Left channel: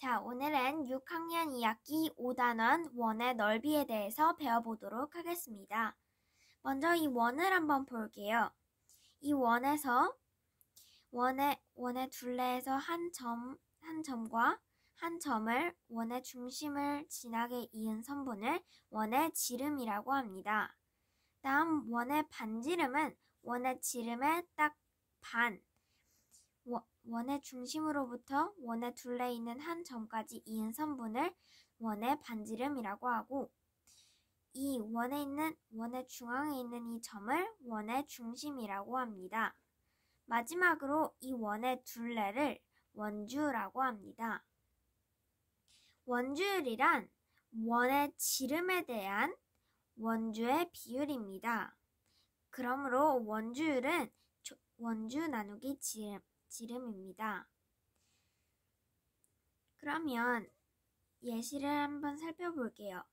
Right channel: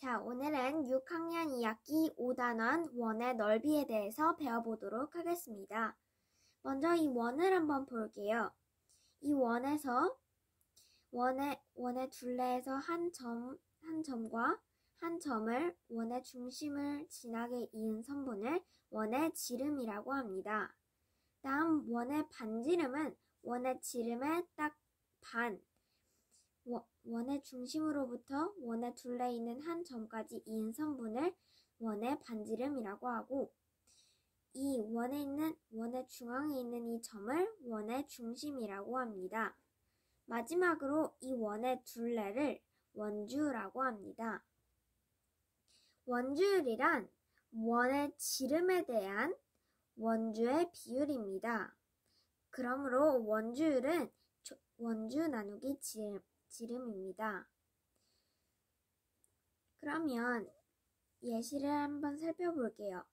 자, 오늘은 6학년 2학기 5단원 원의 넓이에 대해서 배워보도록 하겠습니다. 먼저 이 원을 한번 볼게요. 이 원에서 원의 둘레에서 한 점과 한 점을 원의 중심을 지나게 이은 선분을 원의 지름이라고 합니다. 다음 원의 반지름은 원의 지름의 딱 반, 원의 중심으로부터 원의 둘레에 있는 한 점까지 이은 선분을 원의 반지름이라고 하고, 이 원의 중앙에 있는 이 점을 원의 중심이라고 합니다. 마지막으로 이 원의 둘레를 원주라고 합니다. 원주율이란 원의 지름에 대한 원주의 비율입니다. 그러므로 원주율은 원주 나누기 지름입니다. 그러면 예시를 한번 살펴볼게요.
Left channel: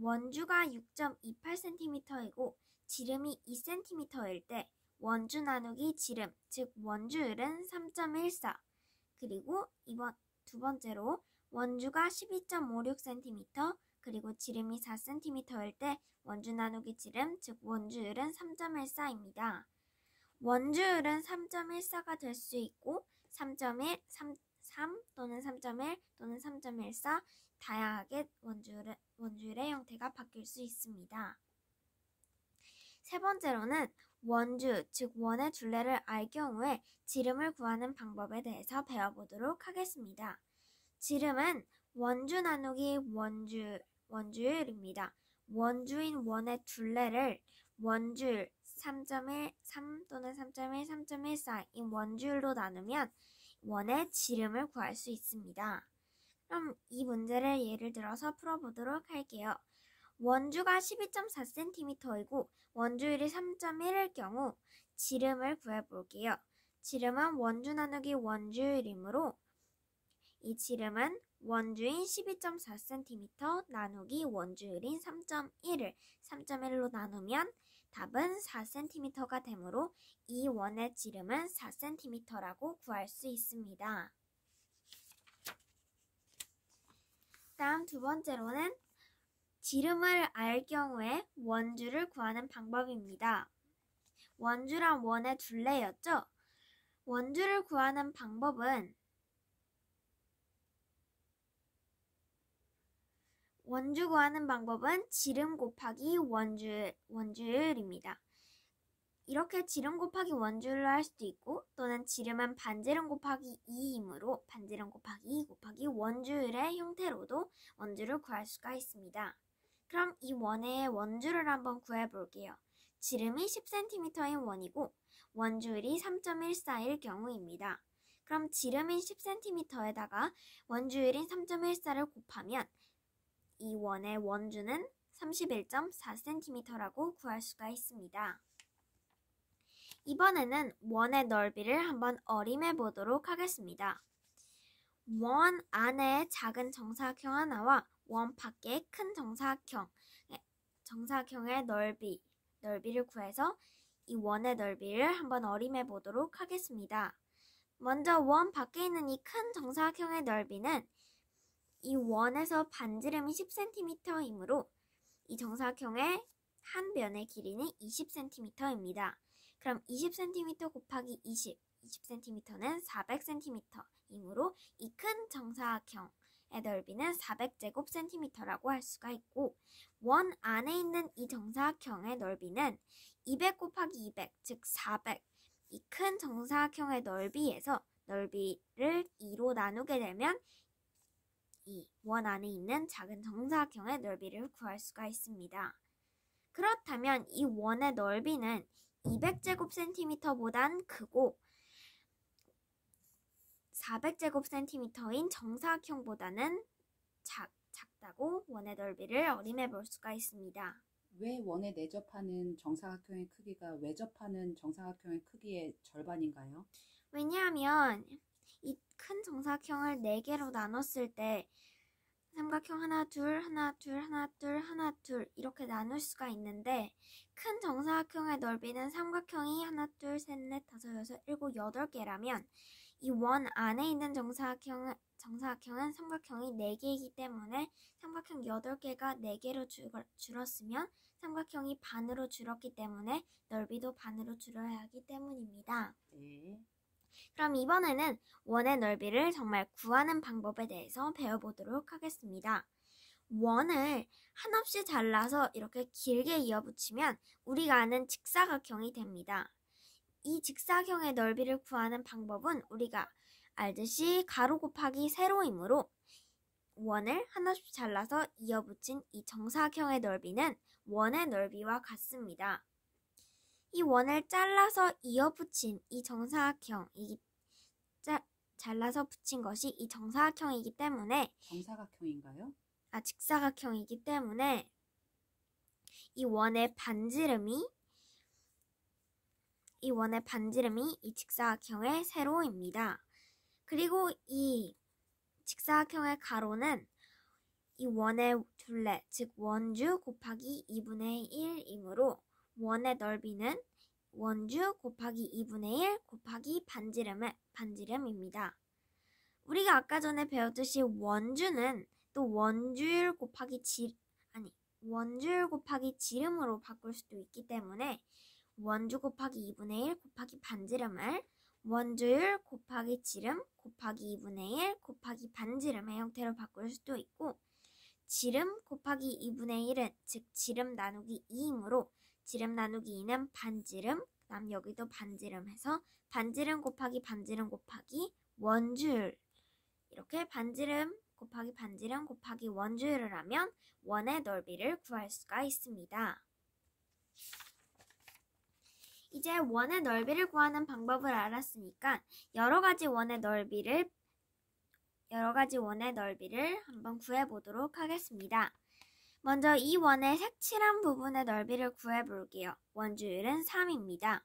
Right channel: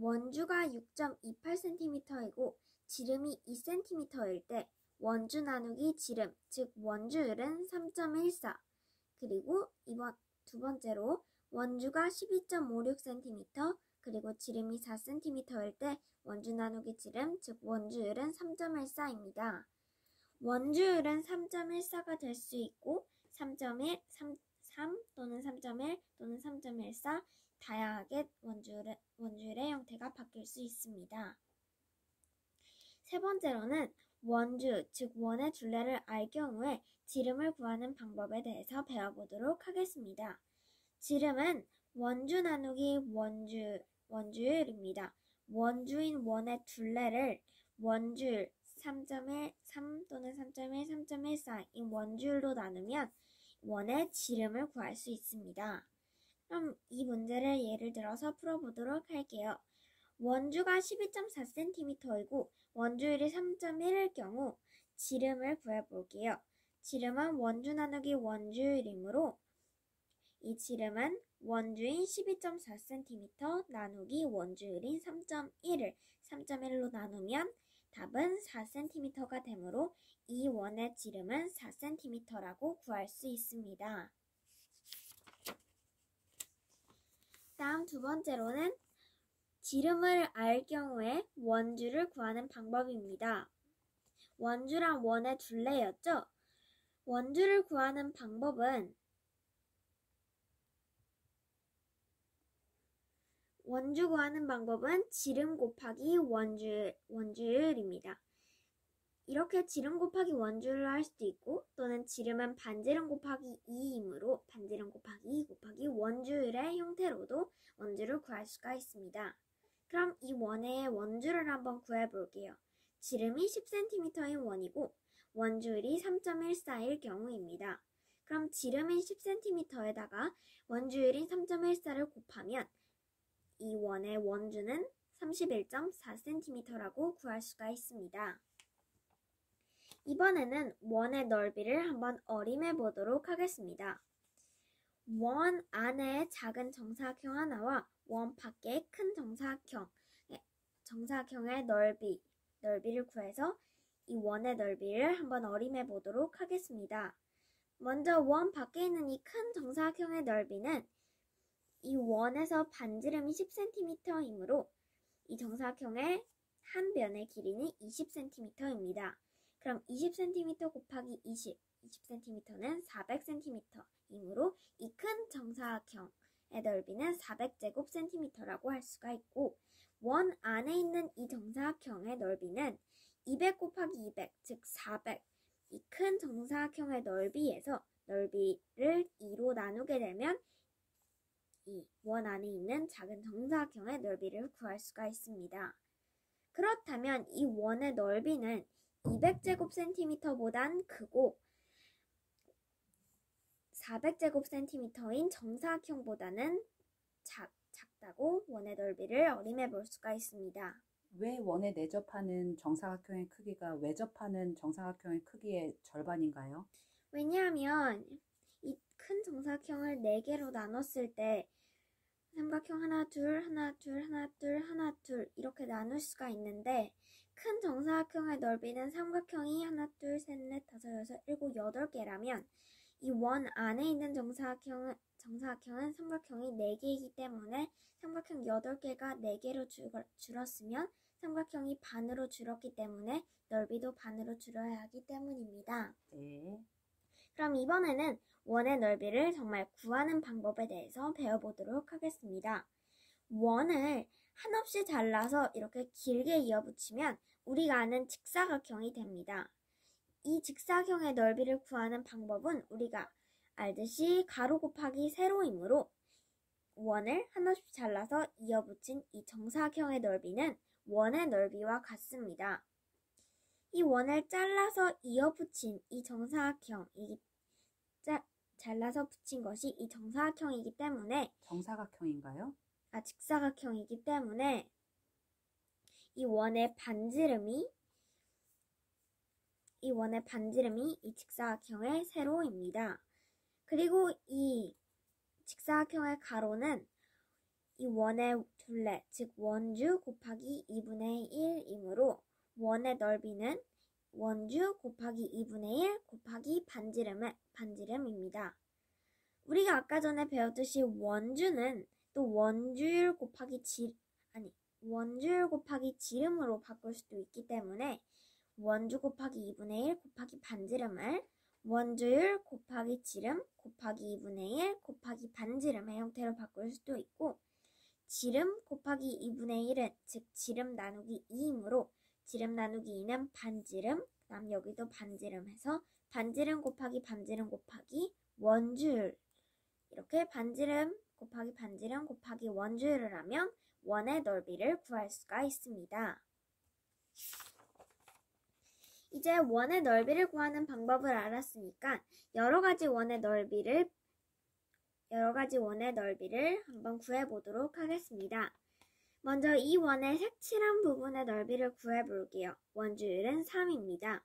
원주가 6.28cm이고 지름이 2cm일 때 원주 나누기 지름, 즉 원주율은 3.14. 그리고 두 번째로 원주가 12.56cm, 그리고 지름이 4cm일 때 원주 나누기 지름, 즉 원주율은 3.14입니다. 원주율은 3.14가 될 수 있고 3.1, 3 또는 3.1 또는 3.14 다양하게 원주율의 형태가 바뀔 수 있습니다. 세 번째로는 원주, 즉 원의 둘레를 알 경우에 지름을 구하는 방법에 대해서 배워보도록 하겠습니다. 지름은 원주 나누기 원주율입니다. 원주인 원의 둘레를 원주율 3.1, 3 또는 3.1, 3.14인 원주율로 나누면 원의 지름을 구할 수 있습니다. 그럼 이 문제를 예를 들어서 풀어보도록 할게요. 원주가 12.4cm이고 원주율이 3.1일 경우 지름을 구해볼게요. 지름은 원주 나누기 원주율이므로 이 지름은 원주인 12.4cm 나누기 원주율인 3.1을 3.1로 나누면 답은 4cm가 되므로 이 원의 지름은 4cm라고 구할 수 있습니다. 다음 두 번째로는 지름을 알 경우에 원주를 구하는 방법입니다. 원주란 원의 둘레였죠? 원주를 구하는 방법은 지름 곱하기 원주율입니다. 이렇게 지름 곱하기 원주율로 할 수도 있고, 또는 지름은 반지름 곱하기 2이므로 반지름 곱하기 2 곱하기 원주율의 형태로도 원주를 구할 수가 있습니다. 그럼 이 원의 원주를 한번 구해볼게요. 지름이 10cm인 원이고 원주율이 3.14일 경우입니다. 그럼 지름인 10cm에다가 원주율인 3.14를 곱하면 이 원의 원주는 31.4cm라고 구할 수가 있습니다. 이번에는 원의 넓이를 한번 어림해 보도록 하겠습니다. 원 안에 작은 정사각형 하나와 원 밖에 큰 정사각형의 넓이를 구해서 이 원의 넓이를 한번 어림해 보도록 하겠습니다. 먼저 원 밖에 있는 이 큰 정사각형의 넓이는 이 원에서 반지름이 10cm이므로 이 정사각형의 한 변의 길이는 20cm입니다. 그럼 20cm 곱하기 20cm는 400cm이므로 이 큰 정사각형의 넓이는 400제곱cm라고 할 수가 있고, 원 안에 있는 이 정사각형의 넓이는 200 곱하기 200, 즉 400, 이 큰 정사각형의 넓이에서 넓이를 2로 나누게 되면 이 원 안에 있는 작은 정사각형의 넓이를 구할 수가 있습니다. 그렇다면 이 원의 넓이는 200제곱cm보단 크고 400제곱cm인 정사각형보다는 작다고 원의 넓이를 어림해 볼 수가 있습니다. 왜 원에 내접하는 정사각형의 크기가 외접하는 정사각형의 크기의 절반인가요? 왜냐하면 이 큰 정사각형을 4개로 나눴을 때 삼각형 하나, 둘, 하나, 둘, 하나, 둘, 하나, 둘 이렇게 나눌 수가 있는데, 큰 정사각형의 넓이는 삼각형이 하나, 둘, 셋, 넷, 다섯, 여섯, 일곱, 8개라면 이 원 안에 있는 정사각형은 삼각형이 4개이기 때문에 삼각형 8개가 4개로 줄었으면 삼각형이 반으로 줄었기 때문에 넓이도 반으로 줄여야 하기 때문입니다. 네. 그럼 이번에는 원의 넓이를 정말 구하는 방법에 대해서 배워보도록 하겠습니다. 원을 한없이 잘라서 이렇게 길게 이어붙이면 우리가 아는 직사각형이 됩니다. 이 직사각형의 넓이를 구하는 방법은 우리가 알듯이 가로 곱하기 세로이므로 원을 한없이 잘라서 이어붙인 이 정사각형의 넓이는 원의 넓이와 같습니다. 이 원을 잘라서 이어붙인 이 정사각형이 잘라서 붙인 것이 이 정사각형이기 때문에 정사각형인가요? 직사각형이기 때문에 이 원의 반지름이 이 직사각형의 세로입니다. 그리고 이 직사각형의 가로는 이 원의 둘레, 즉 원주 곱하기 2분의 1이므로 원의 넓이는 원주 곱하기 2분의 1 곱하기 반지름입니다. 우리가 아까 전에 배웠듯이 원주는 또 원주율 곱하기 지름으로 바꿀 수도 있기 때문에 원주 곱하기 2분의 1 곱하기 반지름을 원주율 곱하기 지름 곱하기 2분의 1 곱하기 반지름의 형태로 바꿀 수도 있고, 지름 곱하기 2분의 1은 즉 지름 나누기 2이므로 지름 나누기 2는 반지름, 그다음 여기도 반지름 해서 반지름 곱하기 원주율, 이렇게 반지름 곱하기 원주율을 하면 원의 넓이를 구할 수가 있습니다. 이제 원의 넓이를 구하는 방법을 알았으니까 여러 가지 원의 넓이를 한번 구해보도록 하겠습니다. 먼저 이 원의 색칠한 부분의 넓이를 구해볼게요. 원주율은 3입니다.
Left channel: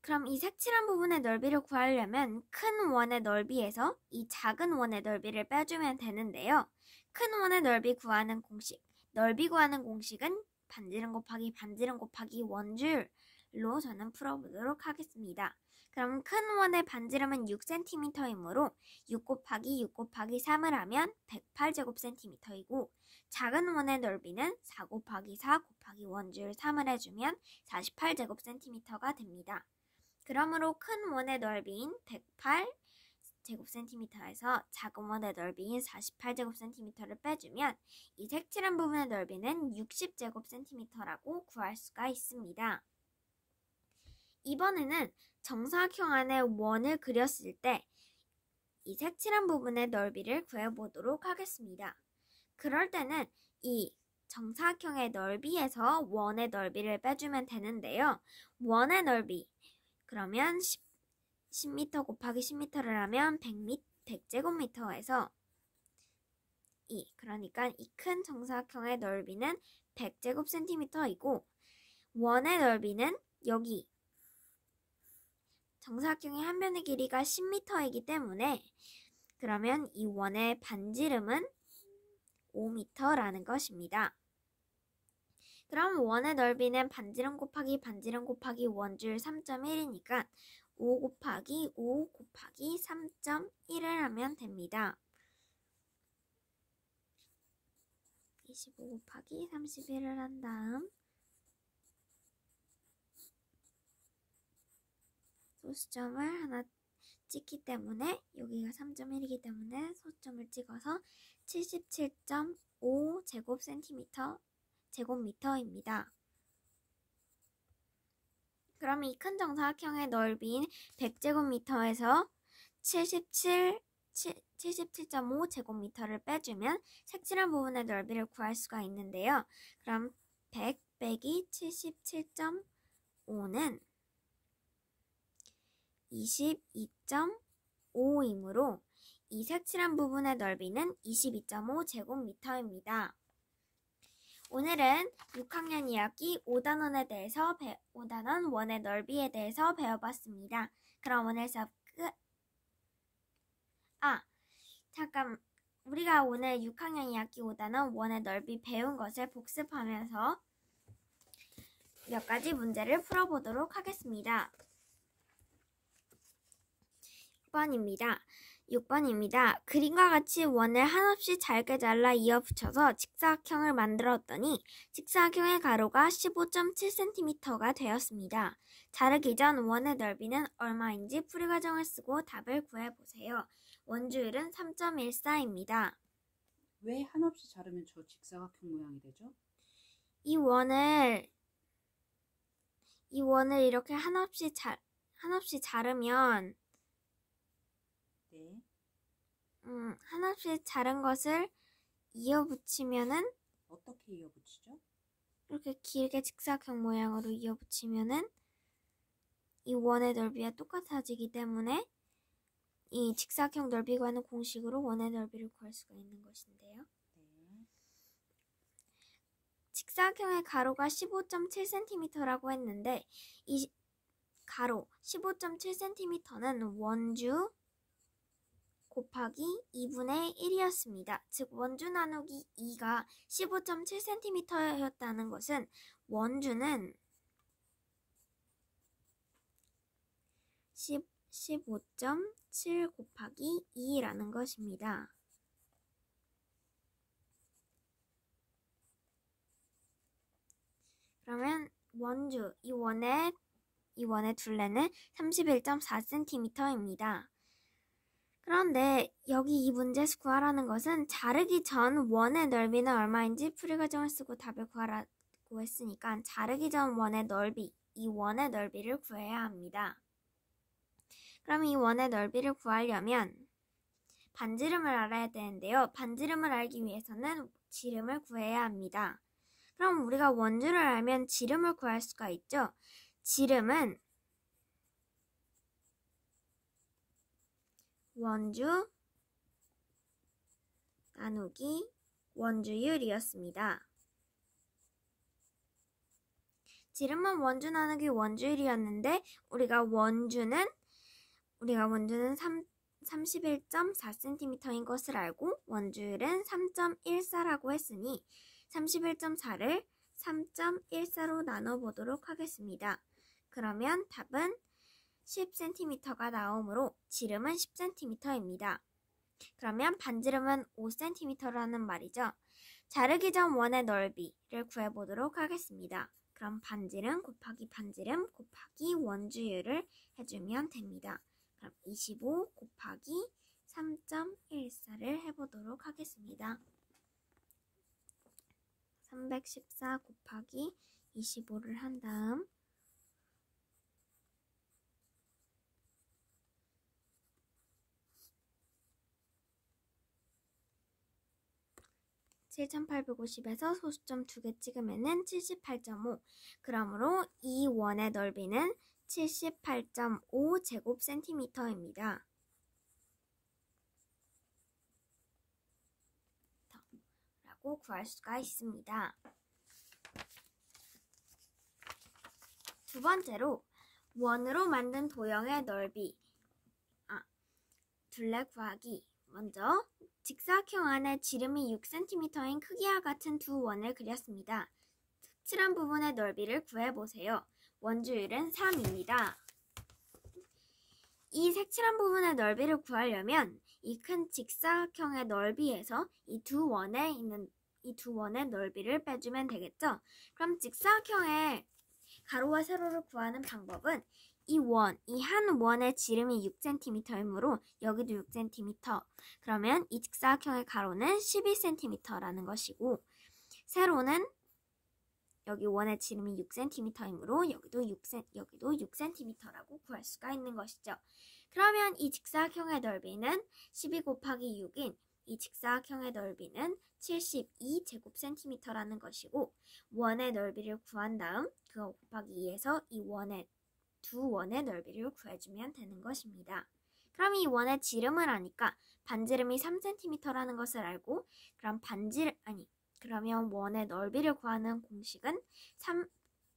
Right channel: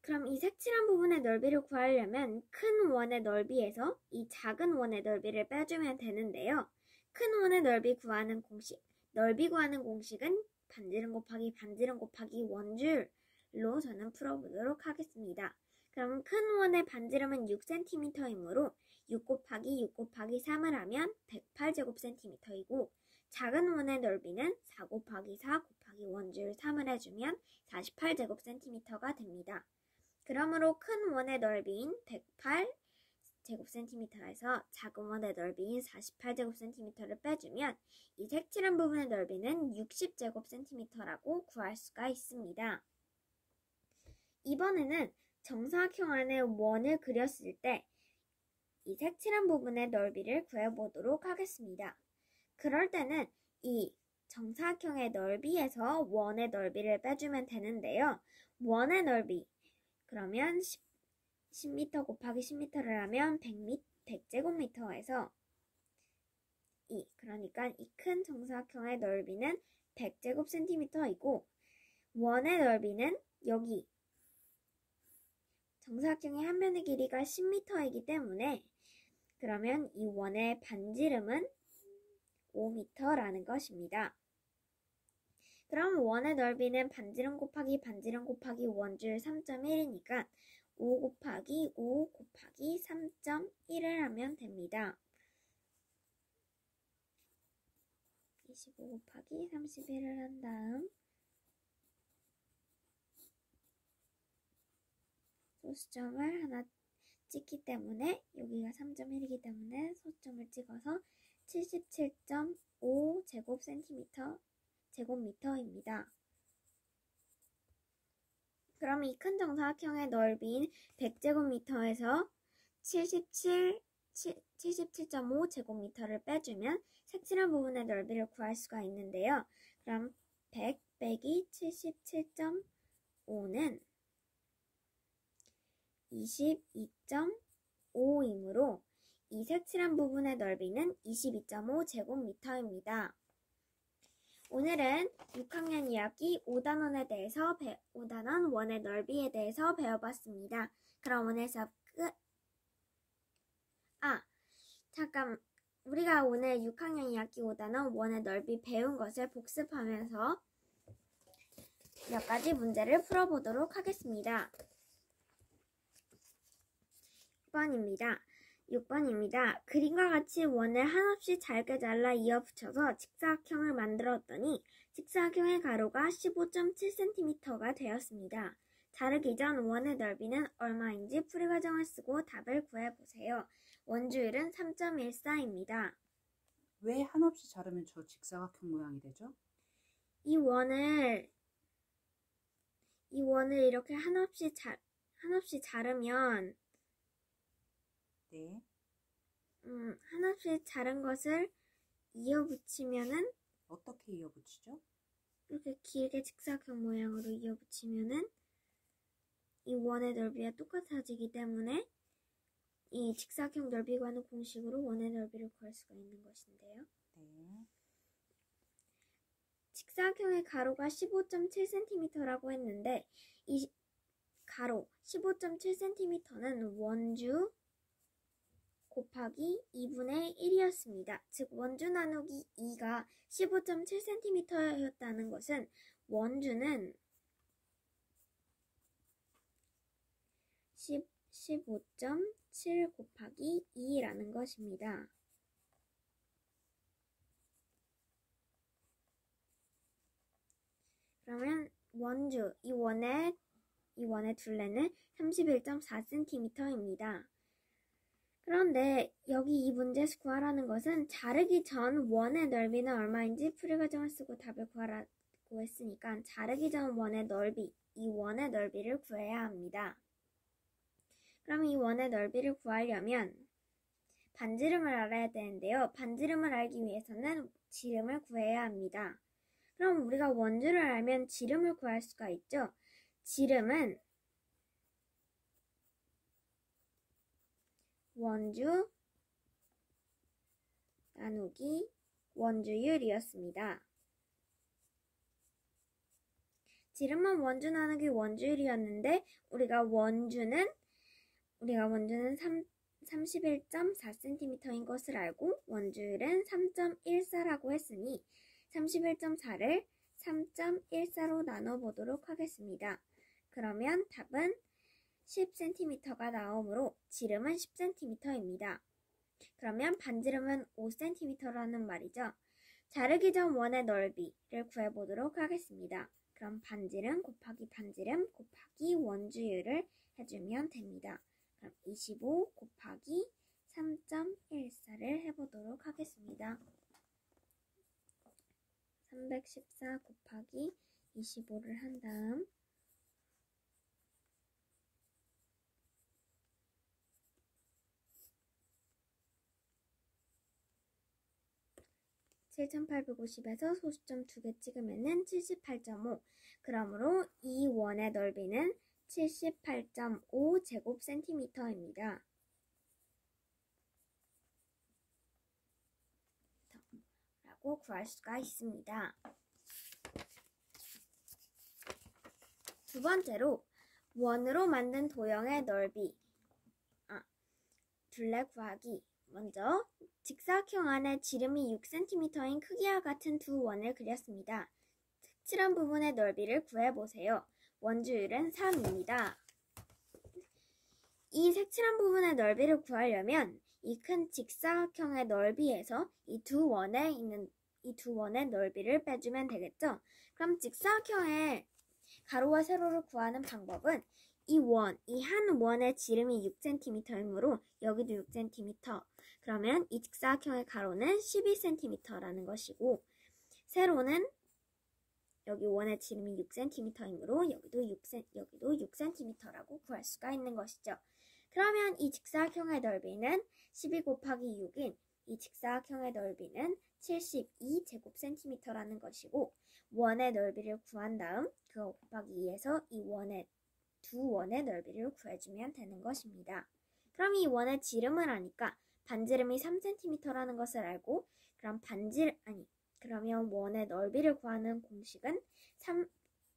그럼 이 색칠한 부분의 넓이를 구하려면 큰 원의 넓이에서 이 작은 원의 넓이를 빼주면 되는데요. 큰 원의 넓이 구하는 공식은 반지름 곱하기 원주율로 저는 풀어보도록 하겠습니다. 그럼 큰 원의 반지름은 6cm이므로 6 곱하기 3을 하면 108제곱cm이고 작은 원의 넓이는 4 곱하기 원주율 3을 해주면 48제곱cm가 됩니다. 그러므로 큰 원의 넓이인 108제곱cm에서 작은 원의 넓이인 48제곱cm를 빼주면 이 색칠한 부분의 넓이는 60제곱cm라고 구할 수가 있습니다. 이번에는 정사각형 안에 원을 그렸을 때 이 색칠한 부분의 넓이를 구해보도록 하겠습니다. 그럴 때는 이 정사각형의 넓이에서 원의 넓이를 빼주면 되는데요. 원의 넓이, 그러면 10m 곱하기 10m를 하면 100제곱미터에서 그러니까 이 큰 정사각형의 넓이는 100제곱cm이고 원의 넓이는 여기 정사각형의 한 면의 길이가 10m이기 때문에 그러면 이 원의 반지름은 5m라는 것입니다. 그럼 원의 넓이는 반지름 곱하기 원주율 3.1이니까 5 곱하기 3.1을 하면 됩니다. 25 곱하기 31을 한 다음 소수점을 하나 찍기 때문에 여기가 3.1이기 때문에 소수점을 찍어서 77.5 제곱미터입니다. 그럼 이 큰 정사각형의 넓이인 100제곱미터에서 77.5 제곱미터를 빼주면 색칠한 부분의 넓이를 구할 수가 있는데요. 그럼 100 빼기 77.5는 22.5이므로 이 색칠한 부분의 넓이는 22.5 제곱미터입니다. 오늘은 6학년 2학기 5단원 원의 넓이에 대해서 배워봤습니다. 그럼 오늘 수업 끝. 우리가 오늘 6학년 2학기 5단원 원의 넓이 배운 것을 복습하면서 몇 가지 문제를 풀어보도록 하겠습니다. 6번입니다. 6번입니다. 그림과 같이 원을 한없이 잘게 잘라 이어 붙여서 직사각형을 만들었더니 직사각형의 가로가 15.7cm가 되었습니다. 자르기 전 원의 넓이는 얼마인지 풀이 과정을 쓰고 답을 구해보세요. 원주율은 3.14입니다. 왜 한없이 자르면 저 직사각형 모양이 되죠? 이 원을 이렇게 한없이 자르면 네. 한없이 자른 것을 이어 붙이면은 어떻게 이어붙이죠? 이렇게 길게 직사각형 모양으로 이어 붙이면은 이 원의 넓이와 똑같아지기 때문에 이 직사각형 넓이 구하는 공식으로 원의 넓이를 구할 수가 있는 것인데요. 네. 직사각형의 가로가 15.7cm라고 했는데 이 가로 15.7cm는 원주 곱하기 2분의 1이었습니다. 즉 원주 나누기 2가 15.7cm였다는 것은 원주는 15.7 곱하기 2라는 것입니다. 그러면 원주, 이 원의 둘레는 31.4cm입니다. 그런데 여기 이 문제에서 구하라는 것은 자르기 전 원의 넓이는 얼마인지 풀이 과정을 쓰고 답을 구하라고 했으니까 자르기 전 원의 넓이, 이 원의 넓이를 구해야 합니다. 그럼 이 원의 넓이를 구하려면 반지름을 알아야 되는데요. 반지름을 알기 위해서는 지름을 구해야 합니다. 그럼 우리가 원주를 알면 지름을 구할 수가 있죠. 지름은 원주 나누기 원주율이었습니다. 지름은 원주 나누기 원주율이었는데 우리가 원주는 31.4cm인 것을 알고 원주율은 3.14라고 했으니 31.4를 3.14로 나눠보도록 하겠습니다. 그러면 답은 10cm가 나오므로 지름은 10cm입니다. 그러면 반지름은 5cm라는 말이죠. 자르기 전 원의 넓이를 구해보도록 하겠습니다. 그럼 반지름 곱하기 반지름 곱하기 원주율을 해주면 됩니다. 그럼 25 곱하기 3.14를 해보도록 하겠습니다. 314 곱하기 25를 한 다음 7850에서 소수점 2개 찍으면은 78.5. 그러므로 이 원의 넓이는 78.5 제곱센티미터입니다. 라고 구할 수가 있습니다. 두 번째로 원으로 만든 도형의 넓이 둘레 구하기. 먼저 직사각형 안에 지름이 6cm인 크기와 같은 두 원을 그렸습니다. 색칠한 부분의 넓이를 구해보세요. 원주율은 3입니다. 이 색칠한 부분의 넓이를 구하려면 이 큰 직사각형의 넓이에서 이 두 원의 넓이를 빼주면 되겠죠? 그럼 직사각형의 가로와 세로를 구하는 방법은 이 한 원의 지름이 6cm이므로 여기도 6cm. 그러면 이 직사각형의 가로는 12cm라는 것이고 세로는 여기 원의 지름이 6cm이므로 여기도 6cm라고 구할 수가 있는 것이죠. 그러면 이 직사각형의 넓이는 12 곱하기 6인 이 직사각형의 넓이는 72제곱센티미터라는 것이고 원의 넓이를 구한 다음 그거 곱하기 2에서 이 두 원의 넓이를 구해주면 되는 것입니다. 그럼 이 원의 지름을 아니까 반지름이 3cm라는 것을 알고 그러면 원의 넓이를 구하는 공식은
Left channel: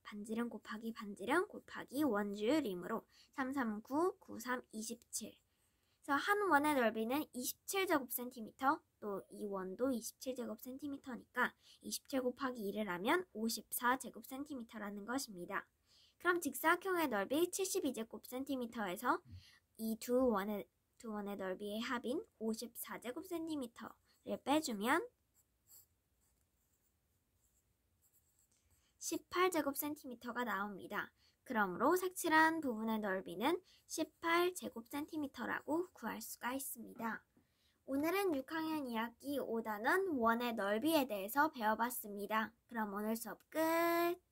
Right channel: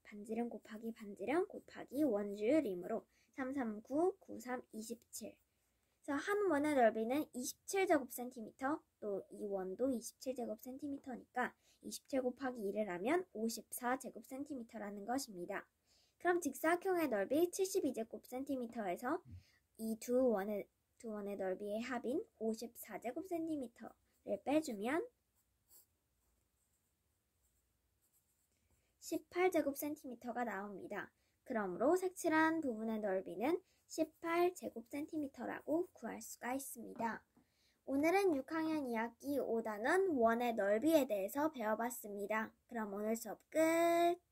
반지름 곱하기 반지름 곱하기 원주율이므로 339, 93, 27. 그래서 한 원의 넓이는 27제곱센티미터, 또 이 원도 27제곱센티미터니까 27 곱하기 2를 하면 54제곱센티미터라는 것입니다. 그럼 직사각형의 넓이 72제곱센티미터에서 이 두 원의 두 원의 넓이의 합인 54제곱cm를 빼주면 18제곱cm가 나옵니다. 그러므로 색칠한 부분의 넓이는 18제곱cm라고 구할 수가 있습니다. 오늘은 6학년 2학기 5단원 원의 넓이에 대해서 배워봤습니다. 그럼 오늘 수업 끝!